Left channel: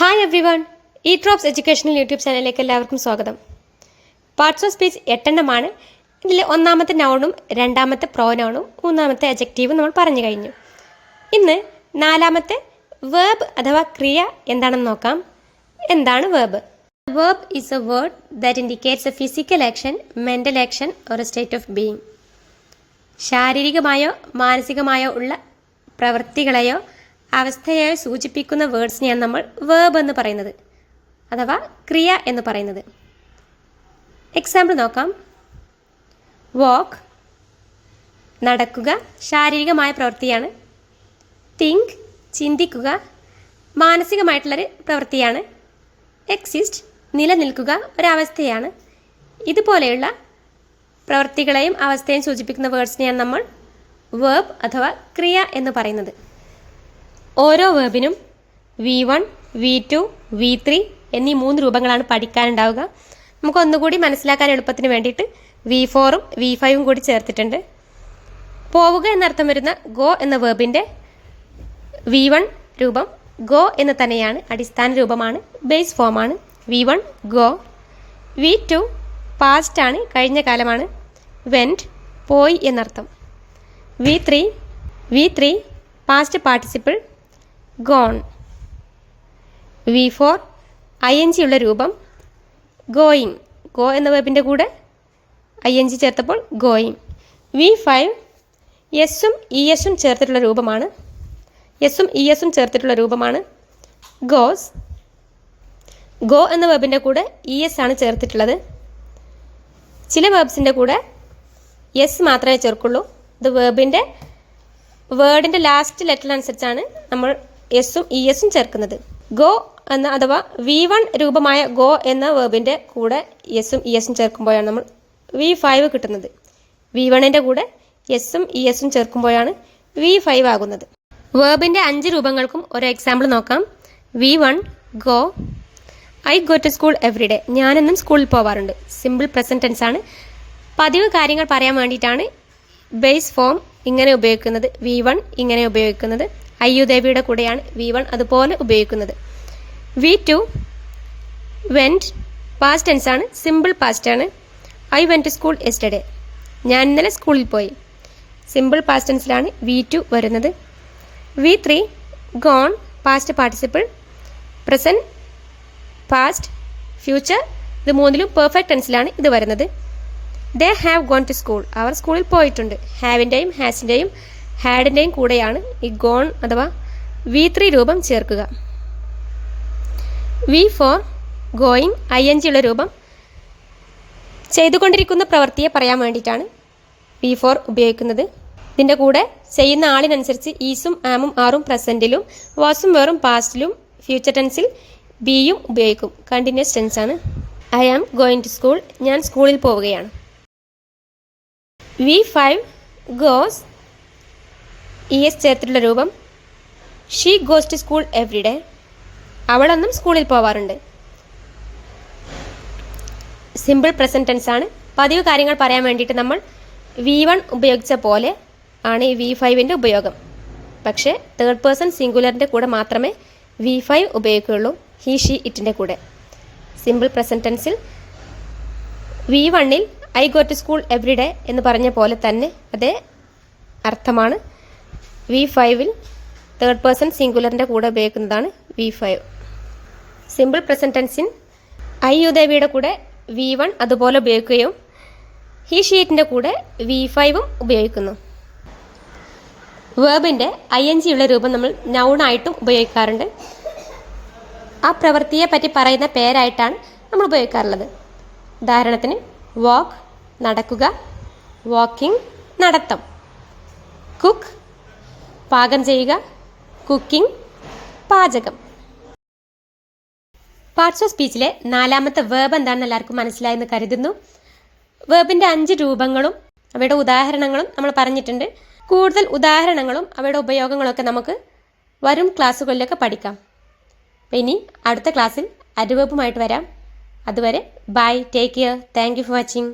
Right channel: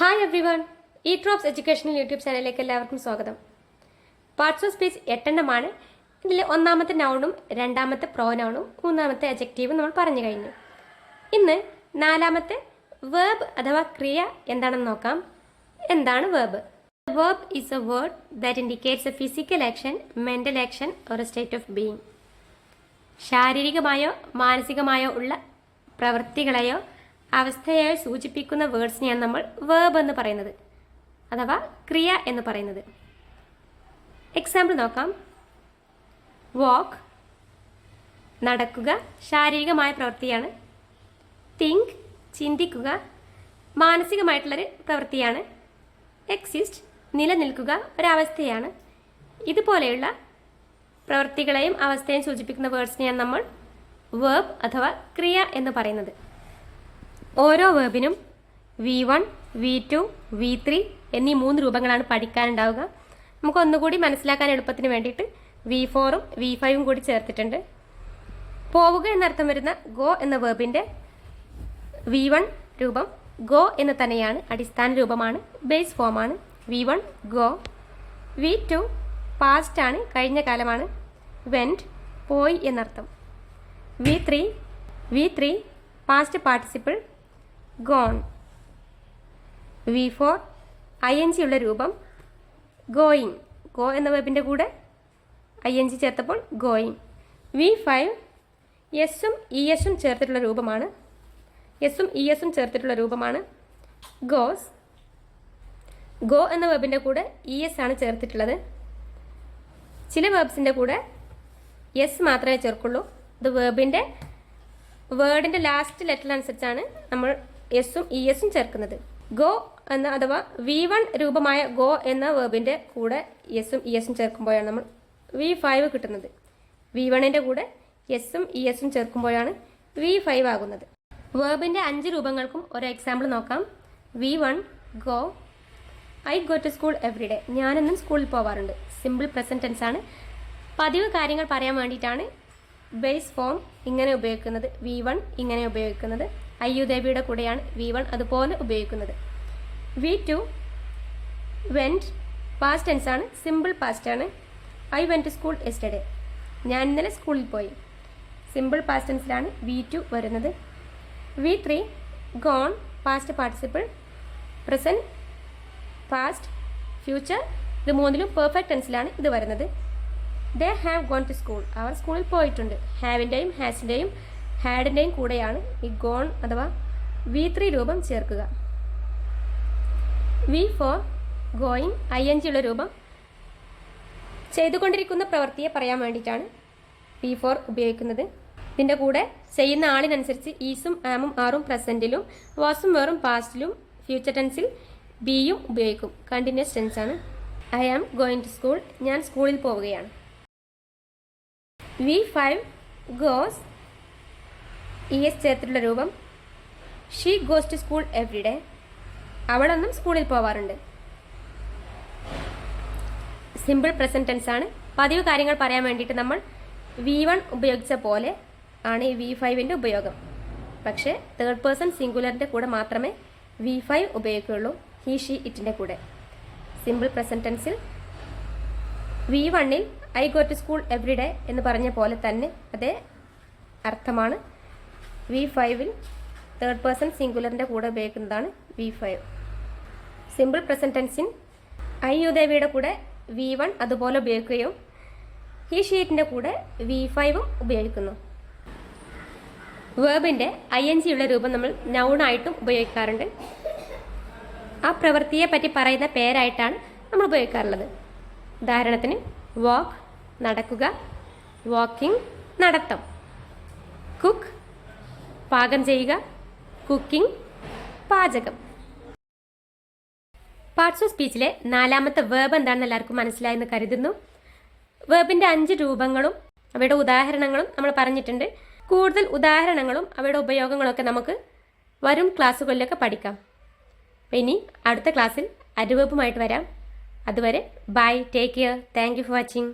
Hi every one ഈ drops educational YouTube ചാനലിലേക്ക് എല്ലാവർക്കും സ്വാഗതം. പാർട്സ് ഓഫ് സ്പീച്ച് 8 ഇതിൽ ഒന്നാമത്തെ നൗണും രണ്ടാമത്തെ പ്രോനൗണും മൂന്നാമത്തെ അഡ്ജക്റ്റീവും നമ്മൾ പറഞ്ഞു കഴിഞ്ഞു. ഇന്ന് നാലാമത്തെ വേർബ് അഥവാ ക്രിയ എന്താണെന്ന് നോക്കാം. എന്താണ് verb? Verb is a word that indicates a physical action, mental action or a state of being. ശാരീരികമായോ മാനസികമായോ ഉള്ള പ്രവൃത്തികളെയോ അവസ്ഥയായി സൂചിപ്പിക്കുന്ന വേർഡ്സിനെയാണ് നമ്മൾ വേർബ് എന്ന് പറയുന്നത്, അഥവാ ക്രിയ എന്ന് പറയുന്നത്. എക്സാമ്പിൾ നോക്കാം. വാക്ക് നടക്കുക, ശാരീരികമായ പ്രവൃത്തിയാണ്. തിങ്ക് ചിന്തിക്കുക, മാനസികമായിട്ടുള്ളൊരു പ്രവൃത്തിയാണ്. എക്സിസ്റ്റ് നിലനിൽക്കുക, ഒരവസ്ഥയാണ്. ഇതുപോലെയുള്ള പ്രവൃത്തികളെയും അവസ്ഥയെയും സൂചിപ്പിക്കുന്ന വേർഡ്സിനെയാണ് നമ്മൾ വേർബ് അഥവാ ക്രിയ എന്ന് പറയുന്നത്. ഓരോ വേർബിനും V1, V2, V3 എന്നീ 3 രൂപങ്ങളാണ് പഠിക്കാനുണ്ടാവുക. നമുക്ക് ഒന്നുകൂടി മനസ്സിലാക്കാൻ എളുപ്പത്തിന് വേണ്ടിയിട്ട് V4ഉം V5ഉം കൂടി ചേർത്തിട്ടുണ്ട്. പോവുക എന്നർത്ഥം വരുന്ന ഗോ എന്ന വേർബിൻ്റെ V1 രൂപം ഗോ എന്ന് തന്നെയാണ്, അടിസ്ഥാന രൂപമാണ്, ബേസ് ഫോമാണ്. V1 go. V2 പാസ്റ്റ് ആണ്, കഴിഞ്ഞ കാലമാണ്, വെൻറ്റ് പോയി എന്നർത്ഥം. V3 past participle gone. V4 ING ഉള്ള രൂപം ഗോയിങ്, ഗോ എന്ന വെബിൻ്റെ കൂടെ ING ചേർത്തപ്പോൾ ഗോയിങ്. V5 എസും ESും ചേർത്തിട്ടുള്ള രൂപമാണ്, ESും ചേർത്തിട്ടുള്ള രൂപമാണ് ഗോസ്. ഗോ എന്ന വെബിൻ്റെ കൂടെ ES ആണ് ചേർത്തിട്ടുള്ളത്. ചില വെബ്സിൻ്റെ കൂടെ എസ് മാത്രമേ ചേർക്കുള്ളൂ. ഇത് വേർഡിൻ്റെ ലാസ്റ്റ് ലെറ്റർ അനുസരിച്ചാണ് നമ്മൾ എസും ESും ചേർക്കുന്നത്. ഗോ എന്ന അഥവാ V1 രൂപമായ ഗോ എന്ന വേർബിൻ്റെ കൂടെ എസും ESും ചേർക്കുമ്പോഴാണ് നമ്മൾ V5 കിട്ടുന്നത്. V1ൻ്റെ കൂടെ എസും ESും ചേർക്കുമ്പോഴാണ് V5 ആകുന്നത്. വേർബിൻ്റെ 5 രൂപങ്ങൾക്കും ഒരു എക്സാമ്പിൾ നോക്കാം. V1 go. I go to school every day. ഞാനെന്നും സ്കൂളിൽ പോവാറുണ്ട്. സിമ്പിൾ പ്രസൻറ്റ് ടെൻസ് ആണ്. പതിവ് കാര്യങ്ങൾ പറയാൻ വേണ്ടിയിട്ടാണ് ബേസ് ഫോം ഇങ്ങനെ ഉപയോഗിക്കുന്നത്. V1 ഇങ്ങനെ ഉപയോഗിക്കുന്നത്. അയ്യുദേവിയുടെ കൂടെയാണ് V1 അതുപോലെ ഉപയോഗിക്കുന്നത്. V2 വെൻറ്റ് പാസ്റ്റ് ടെൻസ് ആണ്, സിമ്പിൾ പാസ്റ്റ് ആണ്. I went to school yesterday. ഞാൻ ഇന്നലെ സ്കൂളിൽ പോയി. സിമ്പിൾ പാസ്റ്റ് ടെൻസിലാണ് V2 വരുന്നത്. V3 gone past participle, present, past, future. ഇത് മൂന്നിലും പെർഫെക്റ്റ് ടെൻസിലാണ് ഇത് വരുന്നത്. They have gone to school. അവർ സ്കൂളിൽ പോയിട്ടുണ്ട്. ഹാവിൻ്റെയും ഹാസിൻ്റെയും ഹാഡിൻ്റെയും കൂടെയാണ് ഈ ഗോൺ അഥവാ V3 രൂപം ചേർക്കുക. V4 ഗോയിങ് ING ഉള്ള രൂപം ചെയ്തുകൊണ്ടിരിക്കുന്ന പ്രവൃത്തിയെ പറയാൻ വേണ്ടിയിട്ടാണ് V4 ഉപയോഗിക്കുന്നത്. ഇതിൻ്റെ കൂടെ ചെയ്യുന്ന ആളിനനുസരിച്ച് ഈസും ആമും ആറും പ്രസൻറ്റിലും വാസും വേറും പാസ്റ്റിലും ഫ്യൂച്ചർ ടെൻസിൽ ബിയും ഉപയോഗിക്കും. കണ്ടിന്യൂസ് ടെൻസ് ആണ്. I am going to school. ഞാൻ സ്കൂളിൽ പോവുകയാണ്. V5 ഗോസ് ES ചേർത്തിട്ടുള്ള രൂപം she goes to school every day. അവളെന്നും സ്കൂളിൽ പോവാറുണ്ട്. സിമ്പിൾ പ്രസൻറ്റ് ടെൻസ് ആണ്. പതിവ് കാര്യങ്ങൾ പറയാൻ വേണ്ടിയിട്ട് നമ്മൾ V1 ഉപയോഗിച്ച പോലെ ആണ് ഈ V5ൻ്റെ ഉപയോഗം. പക്ഷേ തേർഡ് പേഴ്സൺ സിംഗുലറിൻ്റെ കൂടെ മാത്രമേ V5 ഉപയോഗിക്കുകയുള്ളൂ. ഹി ഷീ ഇറ്റിൻ്റെ കൂടെ. സിമ്പിൾ പ്രസൻറ്റ് ടെൻസിൽ V1ൽ I go to school every day എന്ന് പറഞ്ഞ പോലെ തന്നെ അതേ അർത്ഥമാണ് V5ൽ തേർഡ് പേഴ്സൺ സിംഗുലറിൻ്റെ കൂടെ ഉപയോഗിക്കുന്നതാണ് V5. സിമ്പിൾ പ്രസൻറ്റ് ടെൻസിൻ അയ്യുദേവിയുടെ കൂടെ V1 അതുപോലെ ഉപയോഗിക്കുകയും ഹി ഷീറ്റിൻ്റെ കൂടെ V5ഉം ഉപയോഗിക്കുന്നു. വേർബിൻ്റെ ING ഉള്ള രൂപം നമ്മൾ നൗണായിട്ടും ഉപയോഗിക്കാറുണ്ട്. ആ പ്രവൃത്തിയെ പറ്റി പറയുന്ന പേരായിട്ടാണ് നമ്മൾ ഉപയോഗിക്കാറുള്ളത്. ഉദാഹരണത്തിന് വാക്ക് നടക്കുക, വാക്കിംഗ് നടത്തം. കുക്ക് പാകം ചെയ്യുക, കുക്കിംഗ് പാചകം. പാർട്സ് ഓഫ് സ്പീച്ചിലെ നാലാമത്തെ വേർബ് എന്താണെന്ന് എല്ലാവർക്കും മനസ്സിലായെന്ന് കരുതുന്നു. വേർബിൻ്റെ 5 രൂപങ്ങളും അവയുടെ ഉദാഹരണങ്ങളും നമ്മൾ പറഞ്ഞിട്ടുണ്ട്. കൂടുതൽ ഉദാഹരണങ്ങളും അവയുടെ ഉപയോഗങ്ങളൊക്കെ നമുക്ക് വരും ക്ലാസ്സുകളിലൊക്കെ പഠിക്കാം. ഇനി അടുത്ത ക്ലാസ്സിൽ അഡ്വേർബുമായിട്ട് വരാം. അതുവരെ bye, take care, thank you for watching.